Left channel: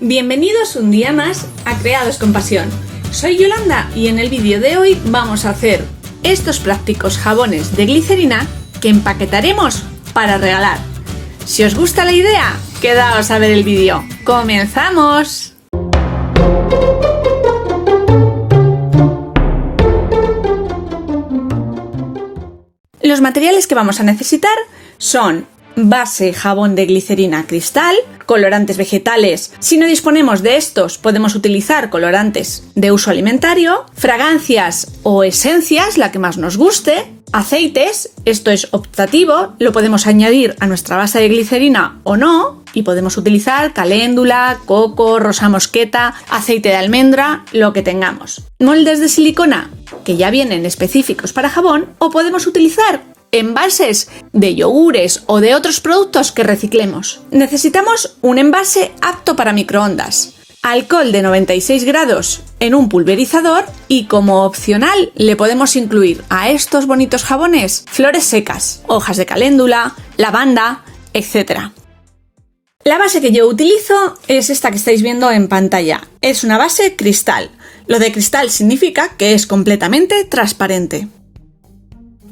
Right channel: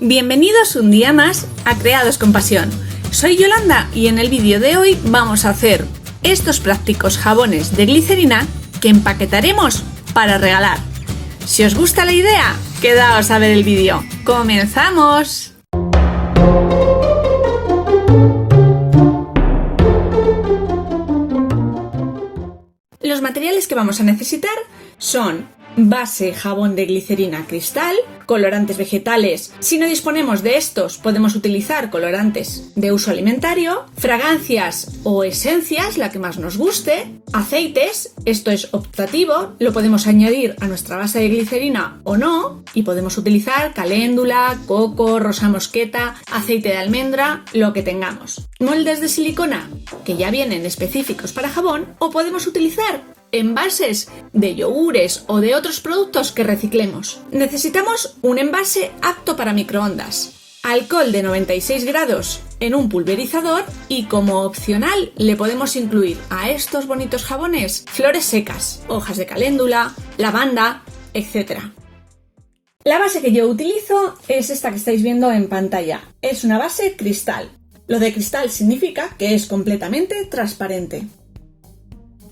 Bienvenidos un día más a Creados con Pasión. Soy Yolanda y en el vídeo de hoy vamos a hacer estos prácticos jabones de glicerina que empaquetaremos para regalar. Si os gusta la idea, quedaos a ver el vídeo. ¡Comenzamos! Los materiales que vamos a necesitar son base jabón de glicerina cristal, colorantes vegetales. Si no disponemos de estos, podemos utilizar colorantes de uso alimentario, fragancias o esencias, la que más nos guste, aceites, esto es optativo, lo podemos añadir a nuestra base de glicerina o no, y podemos utilizar caléndula, coco, rosa mosqueta, aceite de almendra, lo que tengamos. Moldes de silicona, que ya vienen específicos para jabón, o podemos utilizar envases de yogures o de otros productos que reciclemos. Necesitamos un envase apto para microondas, alcohol de 96 grados en un pulverizador y como opcional le podemos incluir a estos bonitos jabones flores secas, hojas de caléndula, lavanda, etc. La base que yo utilizo es esta que estáis viendo en pantalla. Es una base cristal. Lo de cristal significa que es completamente transparente.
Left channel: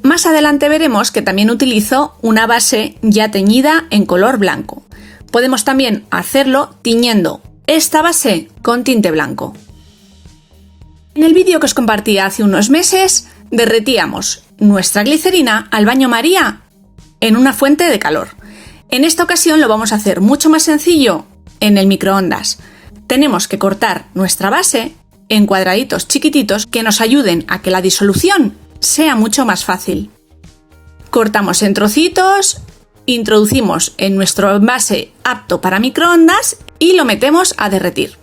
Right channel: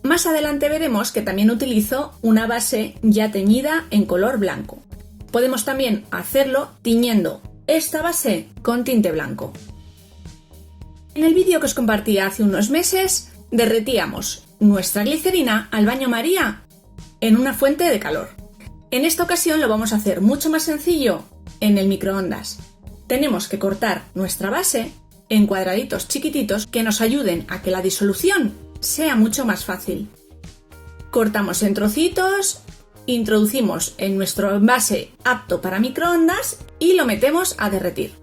Más adelante veremos que también utilizo una base ya teñida en color blanco. Podemos también hacerlo tiñendo esta base con tinte blanco. En el vídeo que os compartí hace unos meses, derretíamos nuestra glicerina al baño María en una fuente de calor. En esta ocasión lo vamos a hacer mucho más sencillo en el microondas. Tenemos que cortar nuestra base en cuadraditos chiquititos que nos ayuden a que la disolución sea mucho más fácil. Cortamos en trocitos, introducimos en nuestro envase apto para microondas y lo metemos a derretir.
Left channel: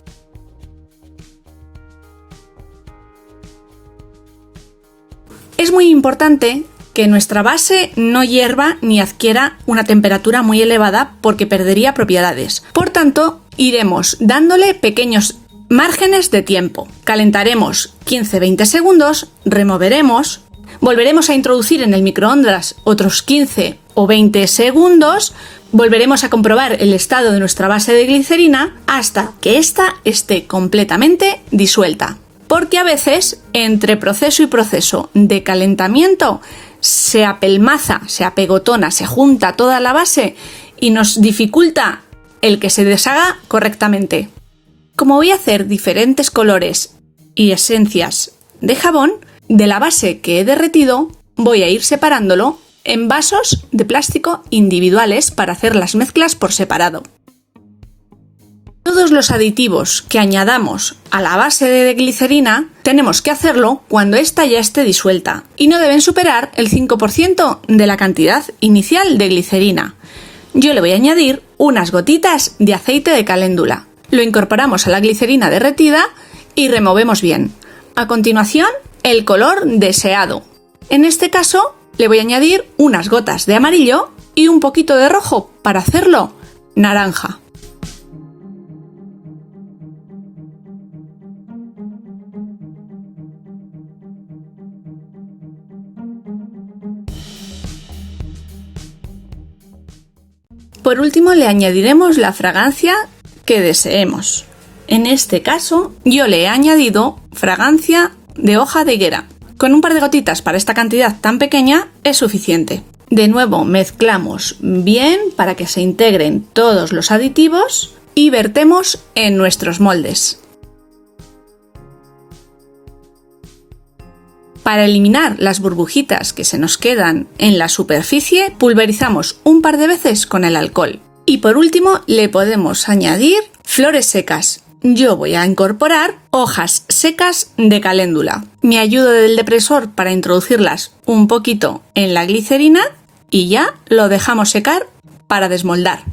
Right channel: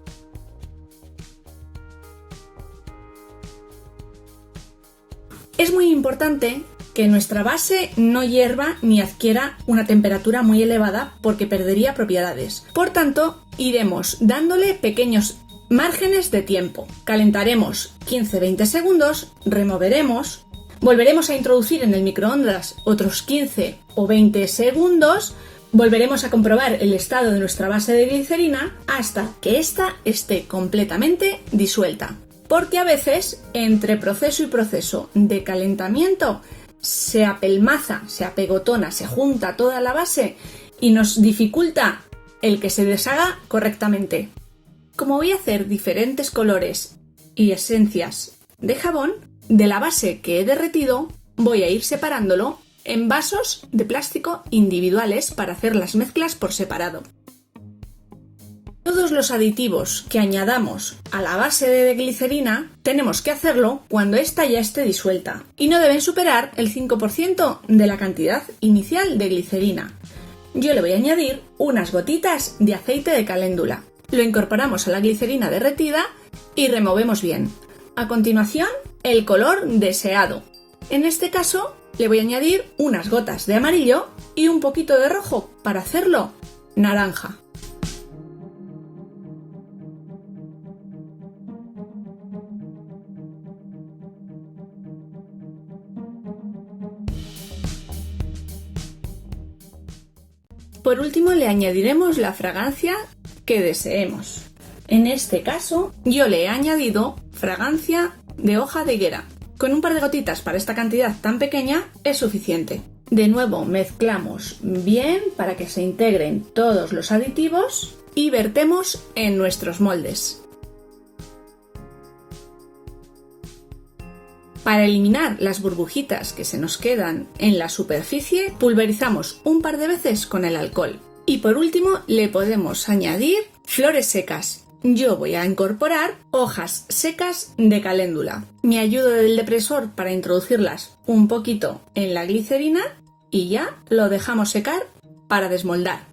Es muy importante que nuestra base no hierva ni adquiera una temperatura muy elevada porque perdería propiedades. Por tanto, iremos dándole pequeños márgenes de tiempo. Calentaremos 15-20 segundos, removeremos, volveremos a introducir en el microondas otros 15 o 20 segundos, volveremos a comprobar el estado de nuestra base de glicerina hasta que ésta esté completamente disuelta. Porque a veces, entre proceso y proceso de calentamiento, se apelmaza, se apegotona, se junta toda la base y nos dificulta el que se deshaga correctamente. Como voy a hacer diferentes colores y esencias de jabón, de la base que he derretido voy a ir separándolo en vasos de plástico individuales para hacer las mezclas por separado. Todos los aditivos que añadamos a la base de glicerina tenemos que hacerlo cuando ésta ya esté disuelta y no deben superar el 5% de la cantidad inicial de glicerina. Yo le voy a añadir unas gotitas de aceite de caléndula. Lo incorporamos a la glicerina derretida y removemos bien. A continuación, el color deseado. En este caso, le voy a añadir unas gotas de amarillo y un poquito de rojo para hacerlo naranja. Por último, le añadiremos la fragancia que deseemos. En este caso, yo le he añadido fragancia de hoja de higuera. Con un par de gotitas para esta cantidad tan pequeña es suficiente. De nuevo mezclamos bien para que se integren todos los aditivos y vertemos en nuestros moldes. Para eliminar las burbujitas que se nos quedan en la superficie, pulverizamos un par de veces con el alcohol. Y por último, le podemos añadir flores secas. Yo voy a incorporar hojas secas de caléndula. Me ayudo del depresor para introducirlas un poquito en la glicerina y ya lo dejamos secar para desmoldar.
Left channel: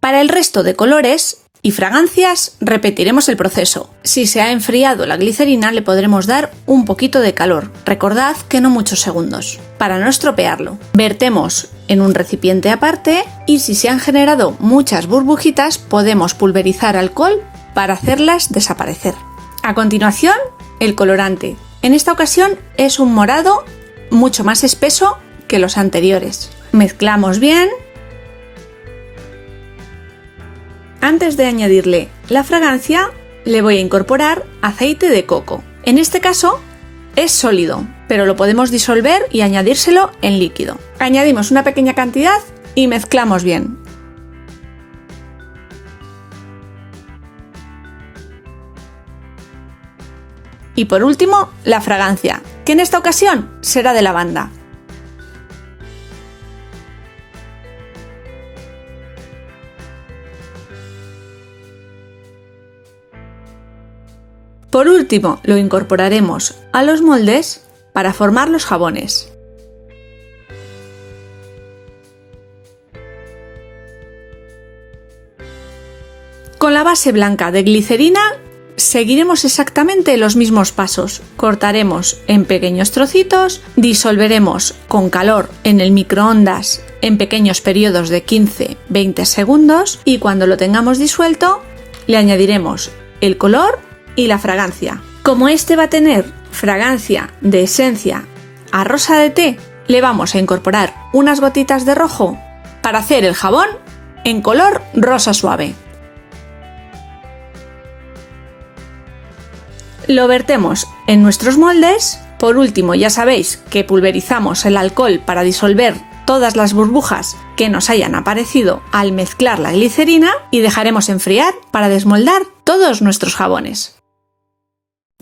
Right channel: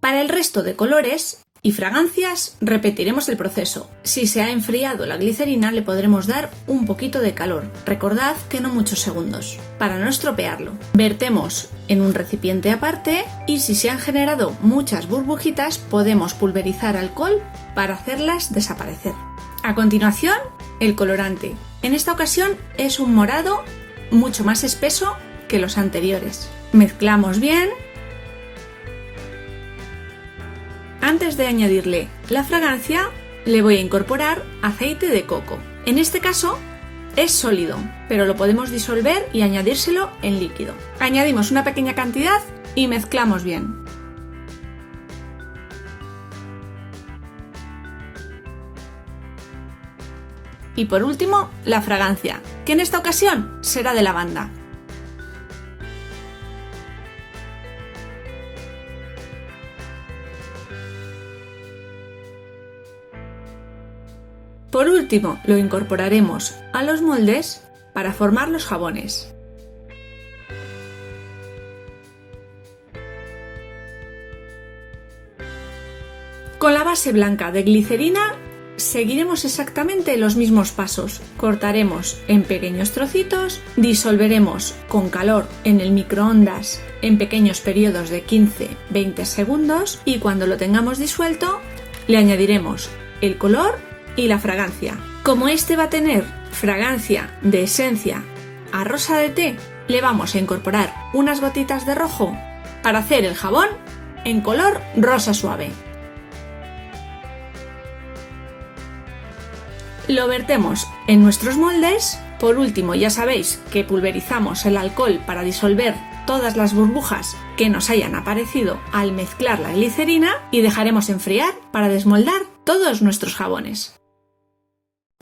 Para el resto de colores y fragancias repetiremos el proceso. Si se ha enfriado la glicerina le podremos dar un poquito de calor. Recordad que no muchos segundos, para no estropearlo. Vertemos en un recipiente aparte y si se han generado muchas burbujitas podemos pulverizar alcohol para hacerlas desaparecer. A continuación, el colorante. En esta ocasión es un morado mucho más espeso que los anteriores. Mezclamos bien Antes de añadirle la fragancia, le voy a incorporar aceite de coco. En este caso es sólido, pero lo podemos disolver y añadírselo en líquido. Añadimos una pequeña cantidad y mezclamos bien. Y por último, la fragancia, que en esta ocasión será de lavanda. Por último, lo incorporaremos a los moldes para formar los jabones. Con la base blanca de glicerina seguiremos exactamente los mismos pasos. Cortaremos en pequeños trocitos, disolveremos con calor en el microondas en pequeños periodos de 15-20 segundos y cuando lo tengamos disuelto le añadiremos el color y la fragancia. Como este va a tener fragancia de esencia a rosa de té, le vamos a incorporar unas gotitas de rojo para hacer el jabón en color rosa suave. Lo vertemos en nuestros moldes. Por último, ya sabéis que pulverizamos el alcohol para disolver todas las burbujas que nos hayan aparecido al mezclar la glicerina y dejaremos enfriar para desmoldar todos nuestros jabones.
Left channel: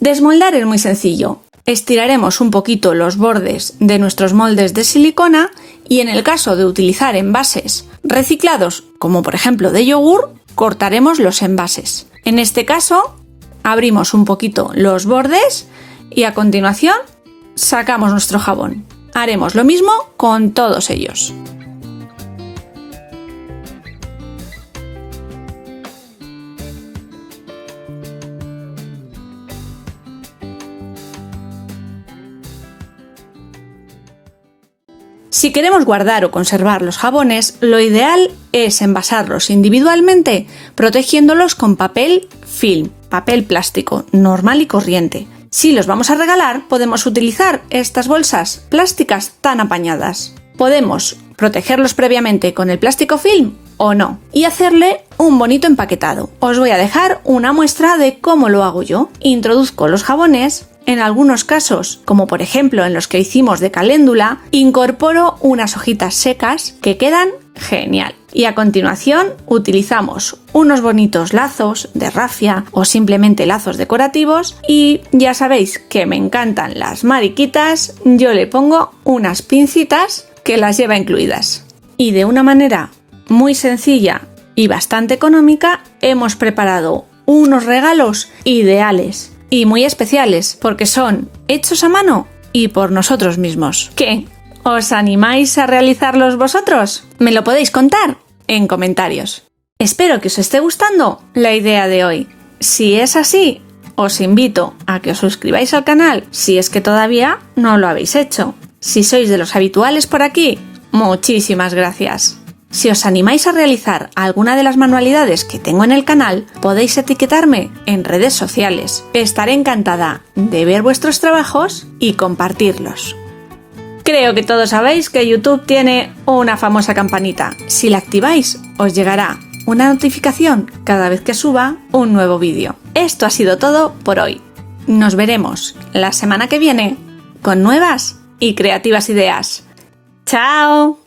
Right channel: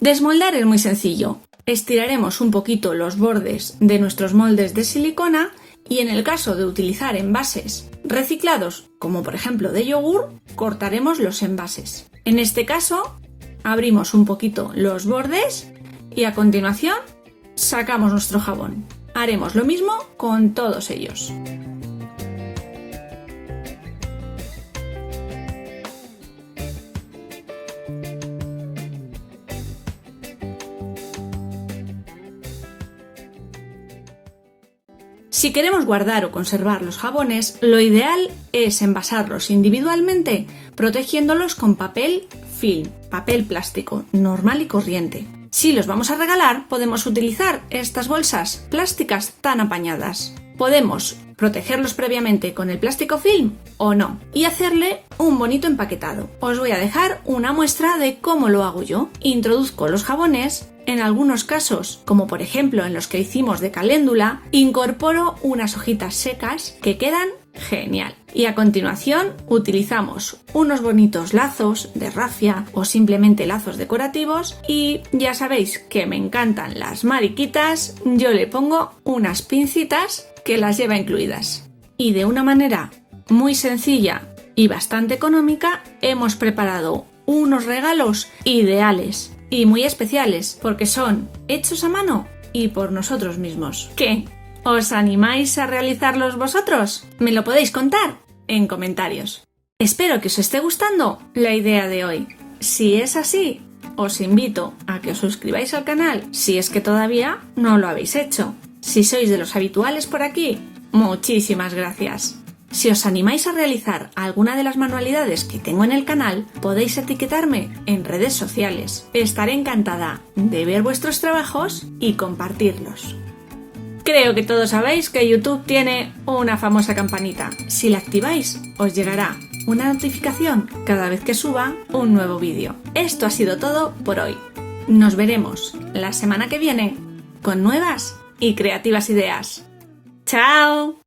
Desmoldar es muy sencillo. Estiraremos un poquito los bordes de nuestros moldes de silicona y en el caso de utilizar envases reciclados, como por ejemplo de yogur, cortaremos los envases. En este caso, abrimos un poquito los bordes y a continuación sacamos nuestro jabón. Haremos lo mismo con todos ellos. Si queremos guardar o conservar los jabones, lo ideal es envasarlos individualmente, protegiéndolos con papel film, papel plástico normal y corriente. Si los vamos a regalar, podemos utilizar estas bolsas plásticas tan apañadas. Podemos protegerlos previamente con el plástico film o no, y hacerle un bonito empaquetado. Os voy a dejar una muestra de cómo lo hago yo. Introduzco los jabones. En algunos casos, como por ejemplo en los que hicimos de caléndula, incorporo unas hojitas secas que quedan genial. Y a continuación utilizamos unos bonitos lazos de rafia o simplemente lazos decorativos y ya sabéis que me encantan las mariquitas, yo le pongo unas pincitas que las lleva incluidas. Y de una manera muy sencilla y bastante económica hemos preparado unos regalos ideales y muy especiales porque son hechos a mano y por nosotros mismos. ¿Qué? ¿Os animáis a realizarlos vosotros? Me lo podéis contar en comentarios. Espero que os esté gustando la idea de hoy. Si es así, os invito a que os suscribáis al canal si es que todavía no lo habéis hecho. Si sois de los habituales por aquí, muchísimas gracias. Si os animáis a realizar alguna de las manualidades que tengo en el canal, podéis etiquetarme en redes sociales. Estaré encantada de ver vuestros trabajos y compartirlos. Creo que todos sabéis que YouTube tiene una famosa campanita. Si la activáis, os llegará una notificación cada vez que suba un nuevo vídeo. Esto ha sido todo por hoy. Nos veremos la semana que viene con nuevas y creativas ideas. ¡Chao!